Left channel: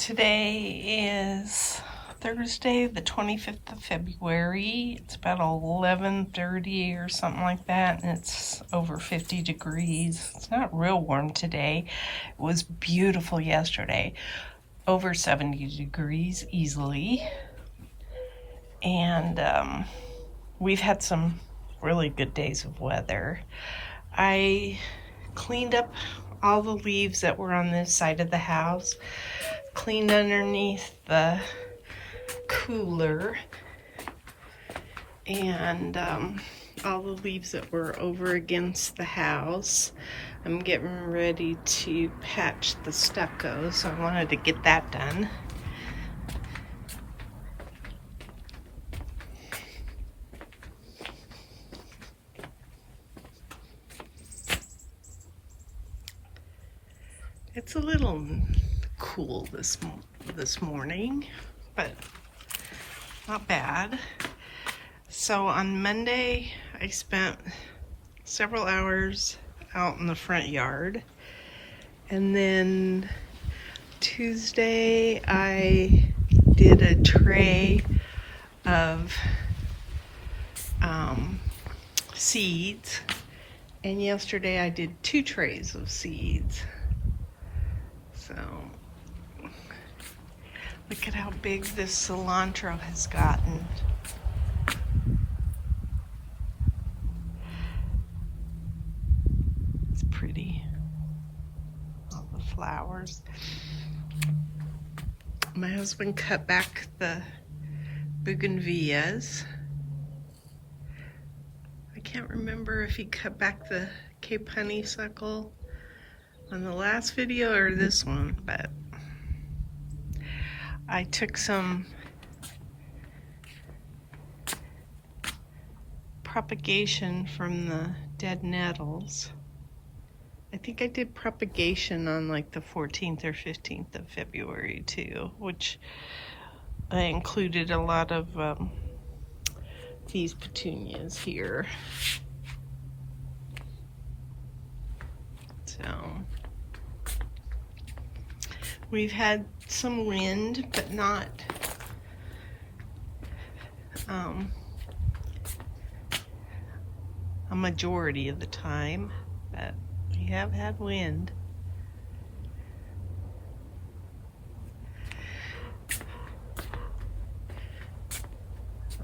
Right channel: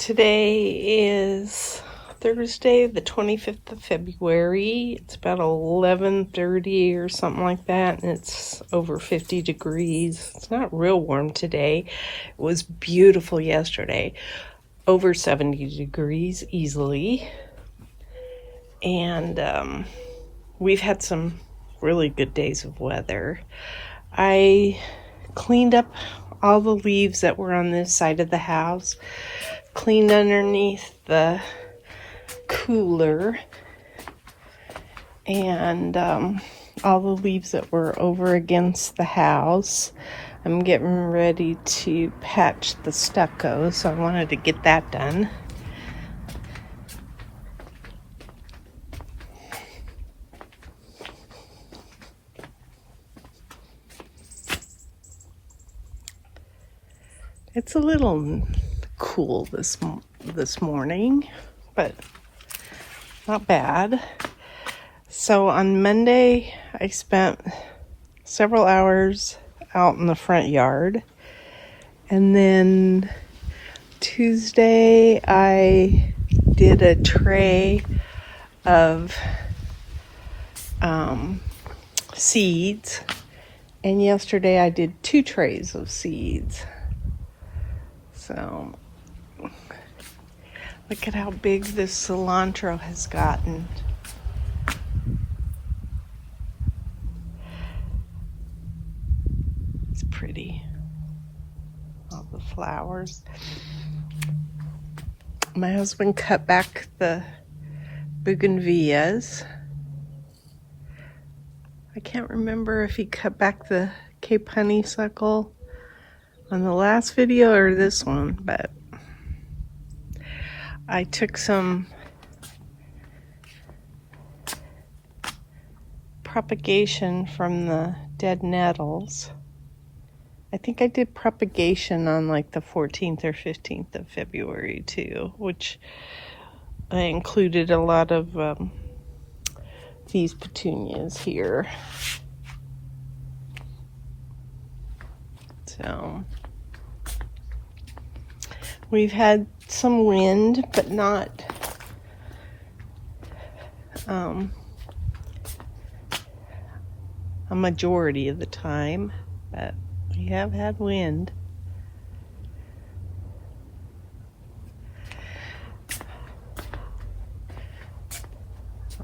Today is Thursday, the 25th of February. It's about 11:30 or something like that, and it's over 50 degrees. It's not real warm today. It was beautiful yesterday, over 70 degrees easily. And we've had some really good days of weather. I cleaned up all the leaves that were on this side of the house, cleaned underneath the cooler, and all the leaves that were over against the house. I'm getting ready to patch the stucco, so I wanted to get that done. It's a little cool this morning, but not bad. So on Monday, I spent several hours out in the front yard. And then Tuesday, I did a tray of seeds. And yesterday, I did 2 trays of seeds. So, look at how big this cilantro has gotten. It's pretty. All the flowers. My husband cut back the bougainvilleas. I can't remember if he cut back the Cape honeysuckle on the last video or this one, but I took some propagation from the dead nettles. I think I did propagation on like the 14th or 15th of February too, which I included a lot of these petunias here. So we've had some wind, but not a majority of the time, but we have had wind.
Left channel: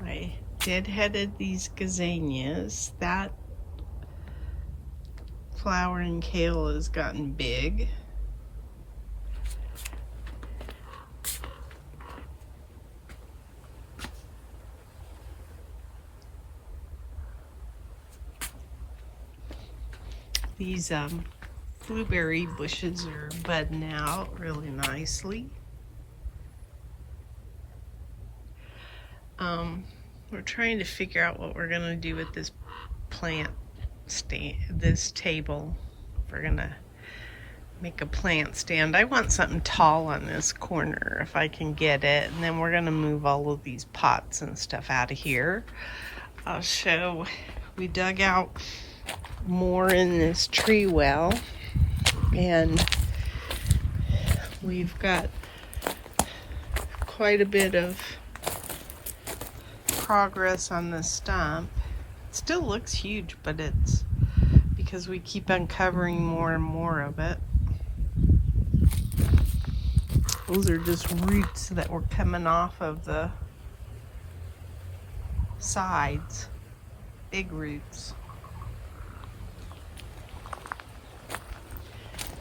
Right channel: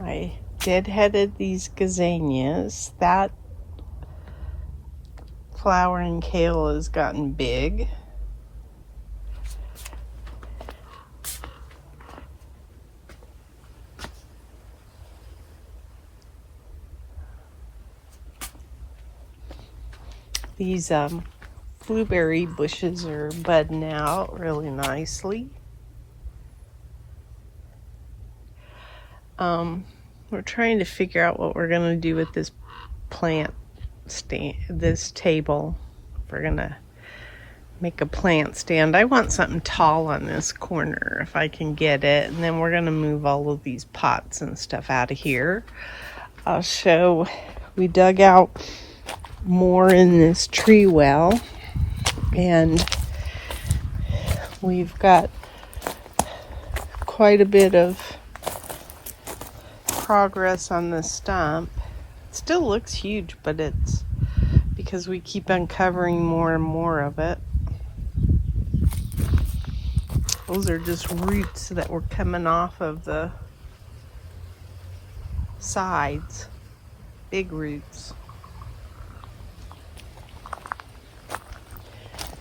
I deadheaded these gazanias. That flowering kale has gotten big. These blueberry bushes are budding out really nicely. We're trying to figure out what we're going to do with this plant stand, this table. We're going to make a plant stand. I want something tall on this corner if I can get it. And then we're going to move all of these pots and stuff out of here. So we dug out more in this tree well, and we've got quite a bit of progress on the stump. It still looks huge, but it's because we keep uncovering more and more of it. Those are just roots that were coming off of the sides, big roots.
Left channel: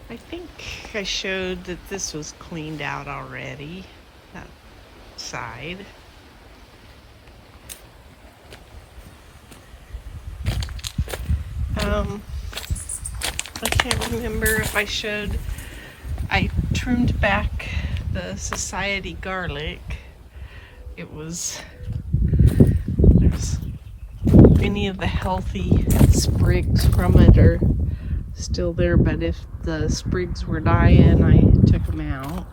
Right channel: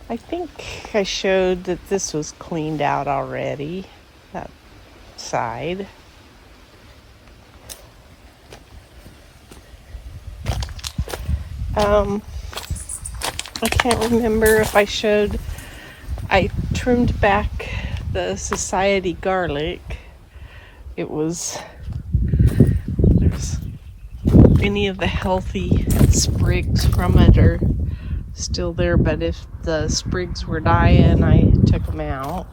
I think I showed that this was cleaned out already, that side. I can't remember if I showed, I trimmed back the society garlic. It was, there's any of the healthy sprigs from it are still there, but if the sprigs were dying, I took them out.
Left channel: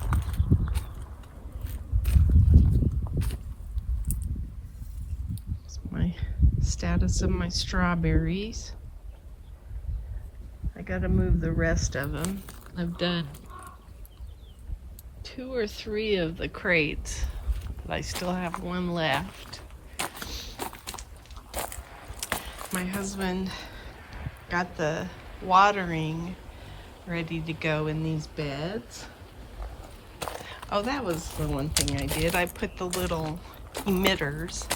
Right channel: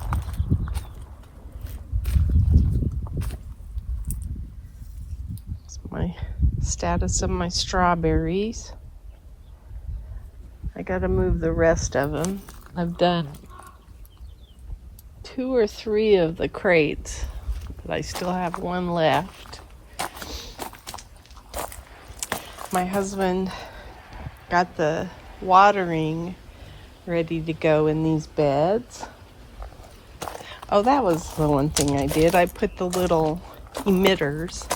That's my status of my strawberries. I gotta move the rest of them. I've done 2 or 3 of the crates, but I still have one left. My husband got the watering ready to go in these beds. Oh, that was the one thing I did. I put the little emitters,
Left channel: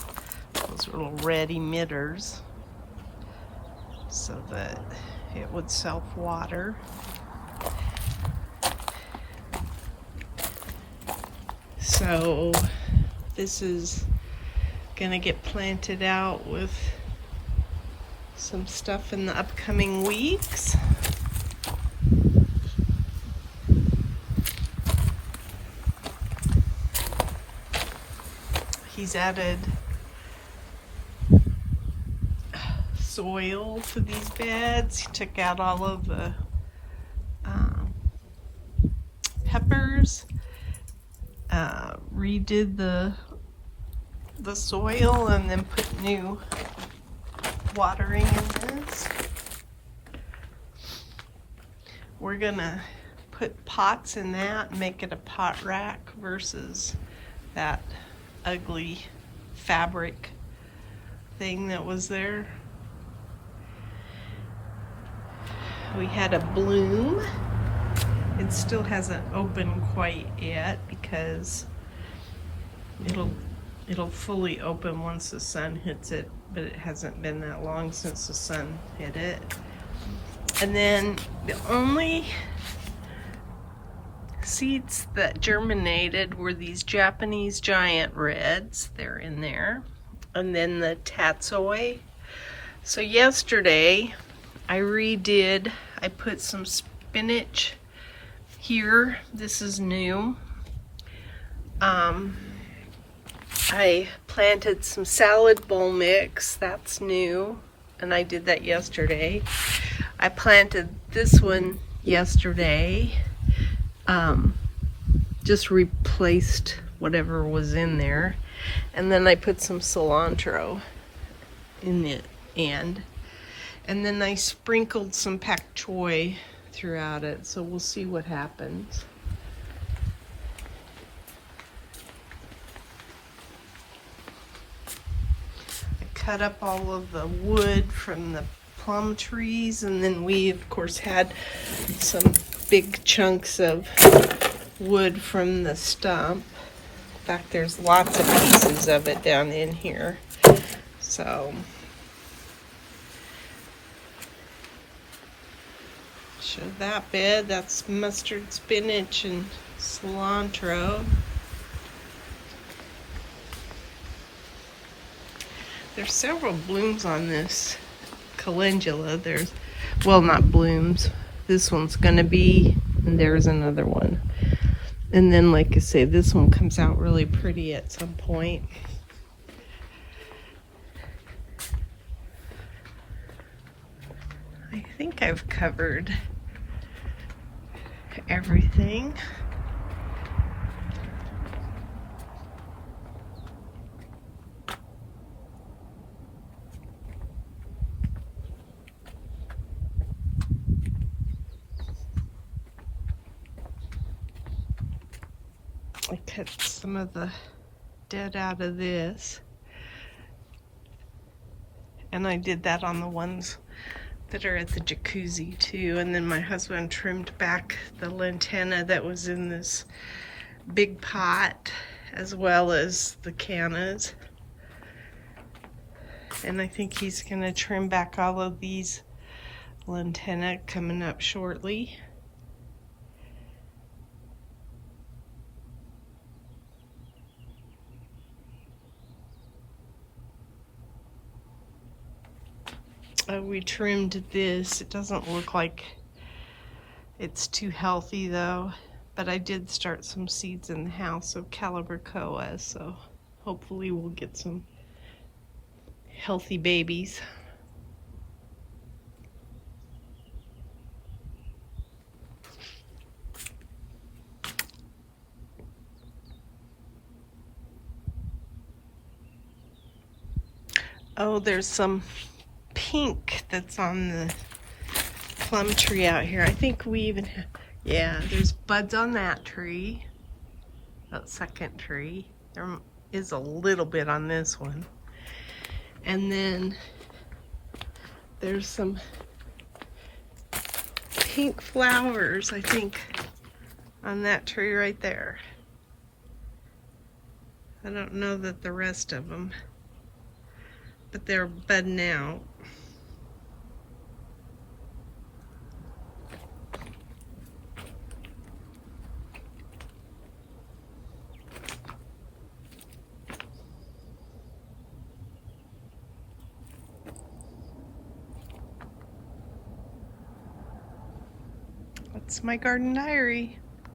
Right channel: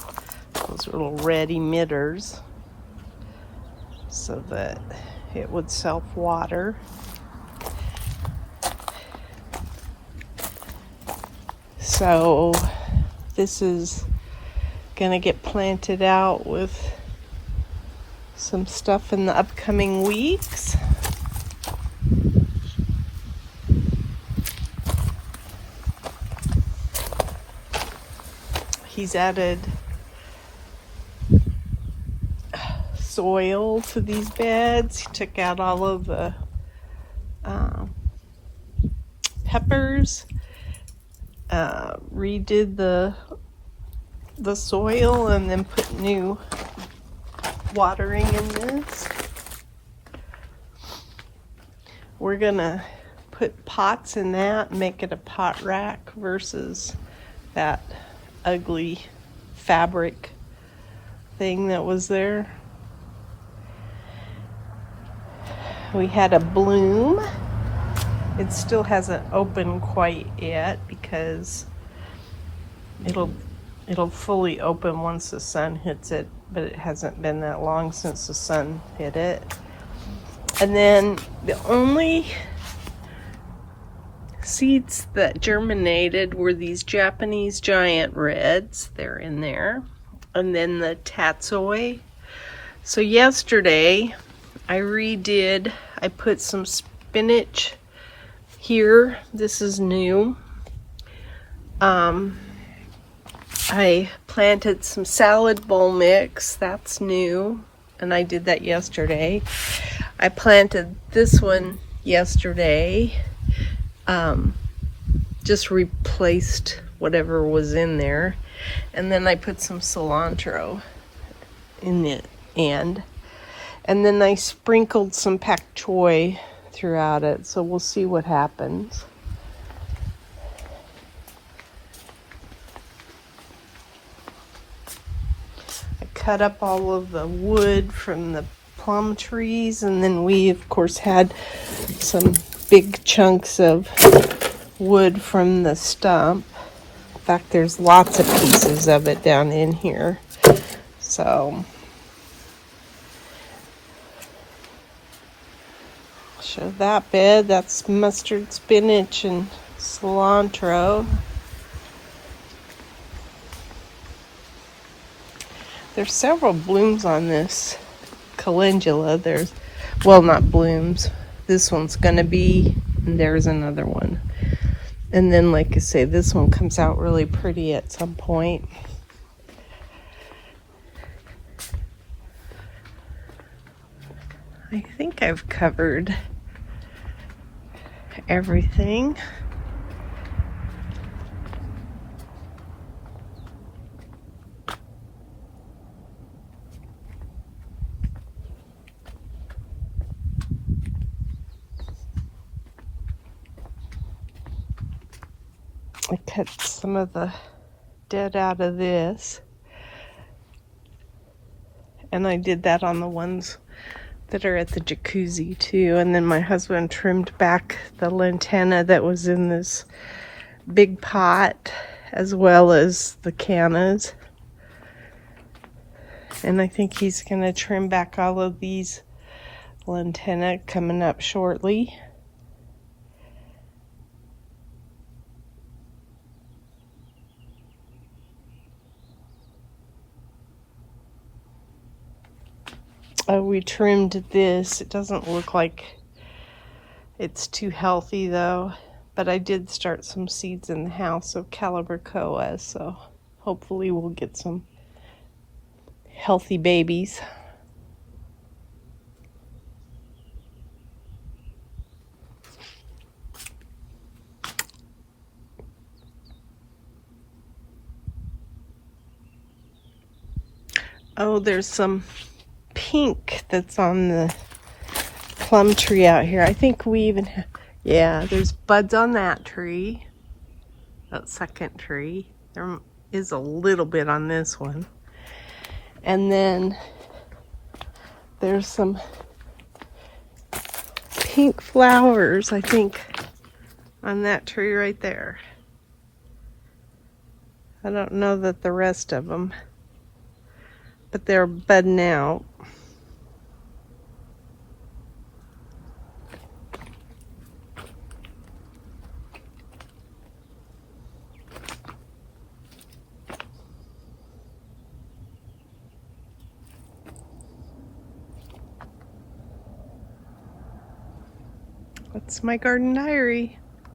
those little red emitters, so that it would self-water. So this is gonna get planted out with some stuff in the upcoming weeks. He's added soil to these beds. He took out all of the peppers, redid the soil, and then put new watering in this. We're gonna put pots in that and make it a pot rack versus that ugly fabric thing that was there. We had a bloom. It still hasn't opened quite yet because it'll fully open once the sun hits it, but it hasn't been that long since the sun hit it. And then the only seeds that germinated were these Japanese giant reds. They're in there. And then the tatsoi. So yesterday I put some spinach here. This is new. I planted some salad bowl mix. That's new. And I did that yesterday. I planted this one yesterday. Just replaced whatever was in there. And then I put some cilantro in the end. And then I sprinkled some pak choi throughout it. So we'll see what happens. I cut up all of the wood from the plum trees, and then we of course had some big chunks of wood from the stump. In fact, there's lots of pieces of it down in here. So show that bed. That's mustard, spinach, and cilantro. There's several blooms on this calendula. Well, not blooms. This one's gonna be, and there's another one. And then, like I say, this one comes out really pretty at some point. I think I've covered everything. I cut some of the dead out of this, and I did that on the ones that are at the jacuzzi too. And then my husband trimmed back the lantana that was in this big pot, as well as the cannas. And I think he's gonna trim back all of these lantana coming up shortly. We trimmed this. It doesn't look like it's too healthy though, but I did start some seeds in the house of calibrachoa, so hopefully we'll get some healthy babies. Oh, there's some pink that's on the plum tree out here. I think we even have, yeah, there's buds on that tree. that second tree. There is a little bit on this one. And then there's some pink flowers, I think, on that tree right there. I don't know that the rest of them, but they're budding out. That's my garden diary.